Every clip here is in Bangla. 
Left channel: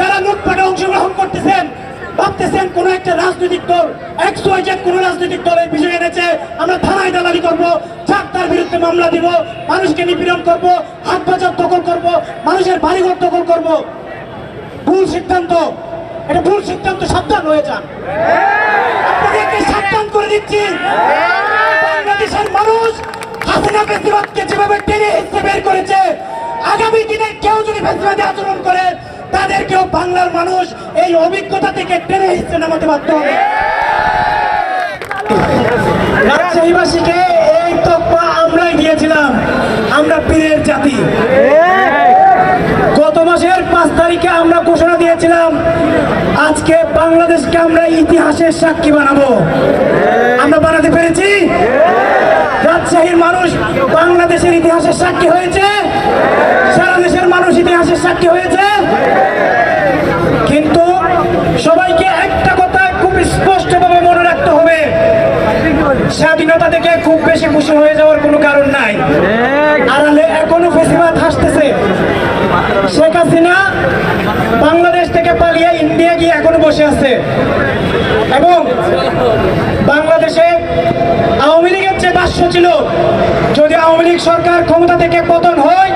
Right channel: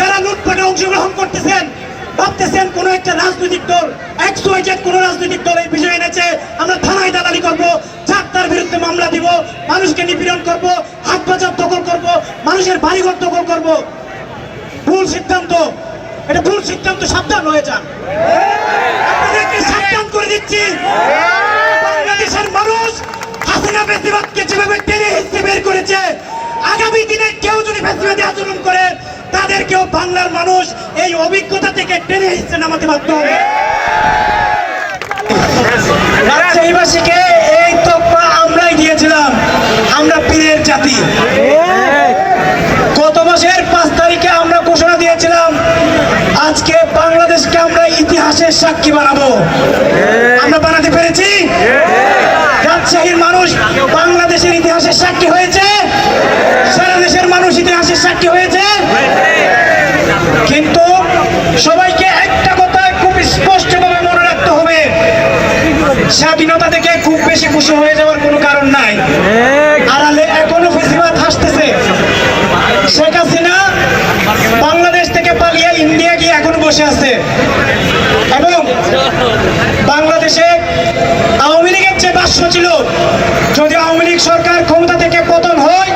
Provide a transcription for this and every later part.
যারা লুটপাটে অংশগ্রহণ করতেছেন, ভাবতেছেন কোন একটা রাজনৈতিক দল একশো জেড কোন রাজনৈতিক দল এই বিজয় এনেছে, আমরা থানায় দালালি করব চাকতার বিরুদ্ধে মামলা দিব, মানুষকে নিপীড়ন করব, হাট বাজার দখল করব, মানুষের বাড়িঘর দখল করব। ভুল সিদ্ধান্ত, এটা ভুল সিদ্ধান্ত, সাবধান হয়ে যান। আপনাদেরকে সাবধান করে দিচ্ছি। বাংলাদেশের মানুষ হাসিনা বেশিরভাগকে যেভাবে টেনে হিসেবে বের করেছে, আগামী দিনে কেউ যদি ফেসিবাদী আচরণ করে বাংলার মানুষ এই অভিজ্ঞতা থেকে টেনে হিসেবে নামাতে বাধ্য হবে। রাজশাহীবাসীকে এই তকমা আমরাই দিয়েছিলাম। আমরা পীরের জাতি। গত মাসের পাঁচ তারিখে আমরা ঘোষণা দিয়েছিলাম, আজকে বাংলাদেশকে আমরা ইতিহাসের সাক্ষী বানাবো। আমরা বানাতে পেরেছি? রাজশাহীর মানুষ বাংলাদেশের ইতিহাসের সাক্ষী হয়েছে? সারা দেশের মানুষ ইতিহাসের সাক্ষী হয়েছে? কিন্তু সবাইকে একটা কথা খুব স্পষ্টভাবে মনে রাখতে হবে। স্বাধীনতা থেকে খুব বেশি খুশি হয়ে যাওয়ার কোনো কারণ নাই। আড়ালে এখনও ফেসিবাদ হাসতেছে। শেখ হাসিনা বাংলাদেশ থেকে পালিয়ে ইন্ডিয়া গিয়ে এখনও বসে আছে। এবং বাংলাদেশে আওয়ামী লীগের যে বাস্য ছিল। যদি আওয়ামী লীগ সরকার ক্ষমতা থেকে পতন হয়,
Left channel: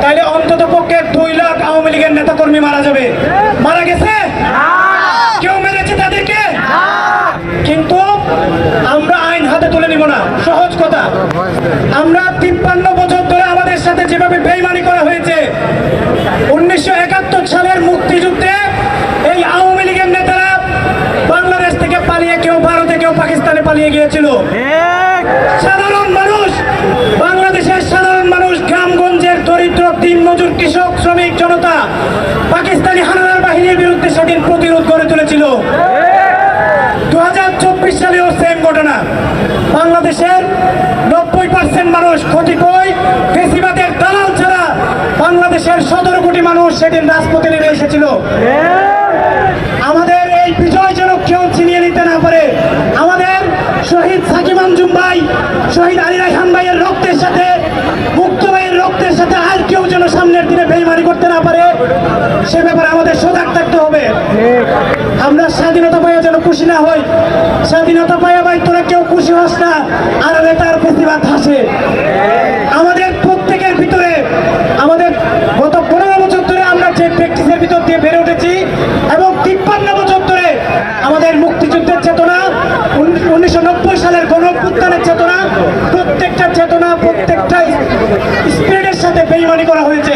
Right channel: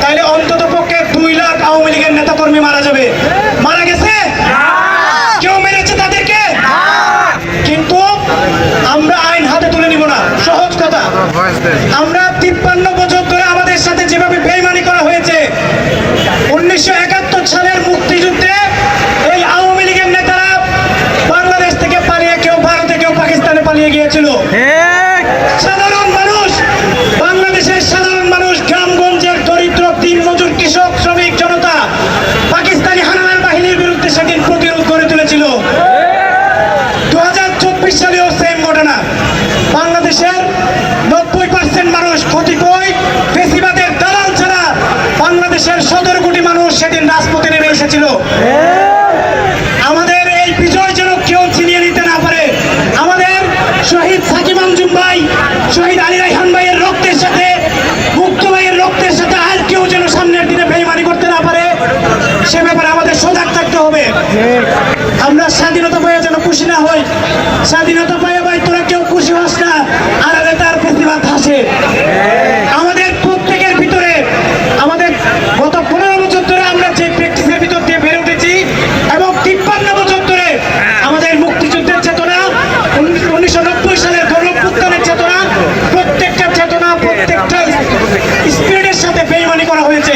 তাহলে অন্তত পক্ষে দুই লাখ আওয়ামী লীগের নেতাকর্মী মারা যাবে মারা গেছে কেউ মেরেছে তাদেরকে কিন্তু আমরা আইন হাতে তুলে নিব না সহজ কথা আমরা তিপ্পান্ন বছর ধরে আমাদের সাথে যেভাবে বেইমানি করা হয়েছে উনিশশো একাত্তর সালের মুক্তিযুদ্ধে এই আওয়ামী লীগের নেতারা বাংলাদেশ থেকে পালিয়ে কেউ ভারতে কেউ পাকিস্তানে পালিয়ে গিয়েছিল। সাধারণ সেদিন রাজপথে নেমে এসেছিল। আমাদের এই বিজয় যেন কেউ ছিনিয়ে নিতে না পারে। আমাদের শহীদ সাকিব আঞ্জুম ভাই শহীদ আলী রাইহান ভাইয়ের রক্তের সাথে মুক্ত ভাইয়ের রক্তের সাথে আর কেউ যেন সামনের দিনে বেইমানি করতে না পারে সে ব্যাপারে আমাদের সজাগ থাকতে হবে। আমরা স্বাধীনতা পাইয়া যেন খুশি না হই। স্বাধীনতা পাইয়া ভাই তোরা কেউ খুশি হস না। আর তার প্রতিবাদ হাসে আমাদের প্রত্যেকের ভিতরে আমাদের গত পনেরো বছর ধরে আমরা যে প্র্যাকটিসের ভিতর দিয়ে বেড়ে উঠেছি এবং তিপ্পান্ন বছর ধরে আমাদের মুক্তিযুদ্ধের চেতনা উনিশশো নব্বই সালের গণপুত্থানের চেতনা প্রত্যেকটা চেতনা প্রত্যেকটা স্পিরিটের সাথে বেইমানি করা হয়েছে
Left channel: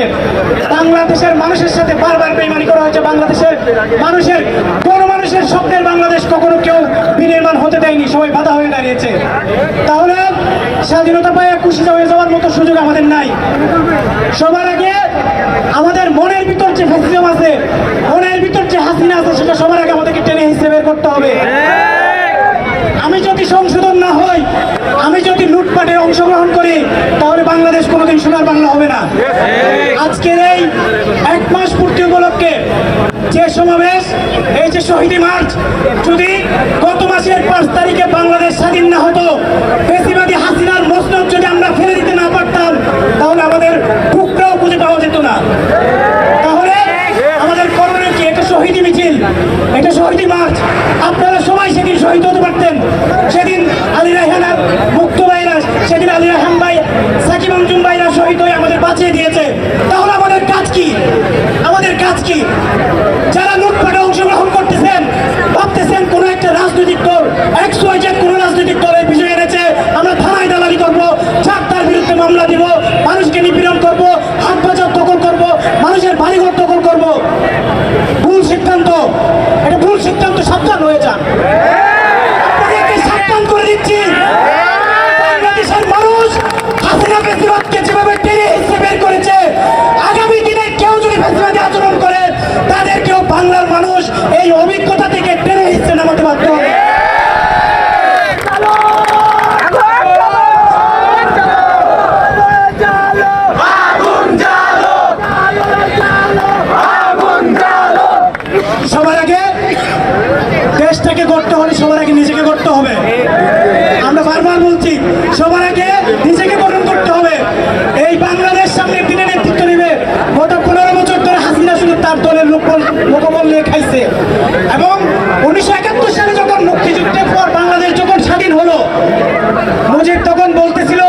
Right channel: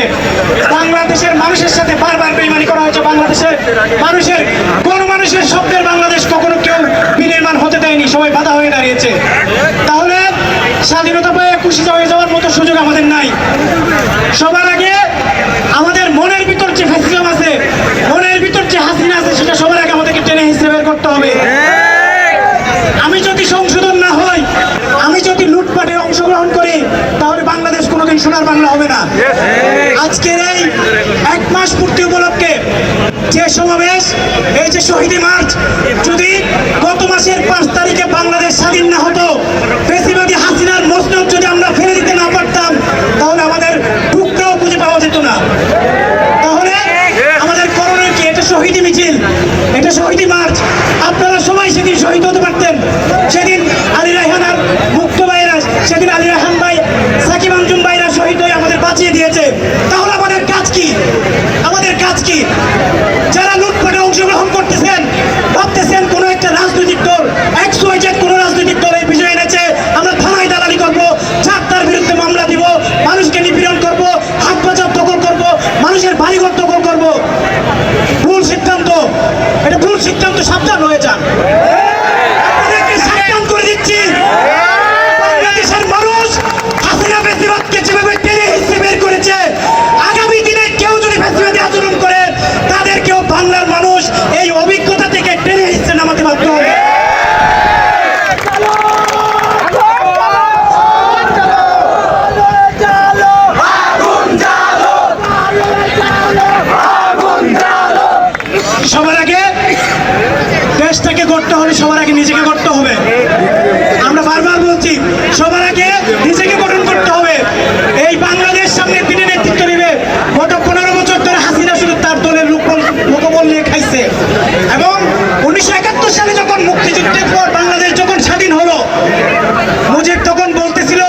বাংলাদেশের মানুষের সাথে বারবার বেইমানি করা হয়েছে বাংলাদেশে। মানুষের কোন মানুষের স্বপ্নের বাংলাদেশ কখনো কেউ বিনির্মাণ হতে দেয়নি, সবাই বাধা হয়ে দাঁড়িয়েছে। তাহলে স্বাধীনতা পায়ে খুশি হয়ে যাওয়ার মতো সুযোগ আমাদের নাই। সবার আগে আমাদের মনের ভিতর যে ফেসিজম আছে, মনের ভিতর যে হাসিনা আছে, সেটা সবার আগে আমাদেরকে টেনে হিসেবে করতে হবে। আমি যদি সংশোধন না হই, আমি যদি লুটপাটে অংশগ্রহণ করি, তাহলে বাংলাদেশ কোনোদিন সোনার বাংলা হবে না। আজকের এই মাস পূর্তি উপলক্ষে যে সমাবেশ, এই যে শহীদি মার্চ, যদি গত মাসের পাঁচ তারিখে বাংলাদেশ স্বাধীন না হতো বেশিবাদী হাসিনার মসনদ যদি আমরা ফেলে দিতে না পারতাম, তাহলে আমাদের টুকরাও খুঁজে পাওয়া যেত না। তাহলে আমাদের করণীয় কি? এটা শহীদি মিছিল, এটা শহীদি মার্চ। আপনারা সবাই সেদিন শহীদ হতে পারতেন। সেদিন নিজেকে করতে হলে সবার আগে নিজেকে করতে হবে। আমরা বারবার বলছি, সবার আগে নিজেকে গঠন করতে হবে। এই বাংলাদেশ সামনে তিনি নেতৃত্ব নেবে গত পনেরো বছর ধরে হাসিনা শুধু তার দলের লোক লোকবল নিয়ে খাইছে। এবং উনিশশো একাত্তর সালে যখন মুক্তিযুদ্ধের পর বাংলাদেশ যখন স্বাধীন হলো, মুজিব তখন বলতেছিল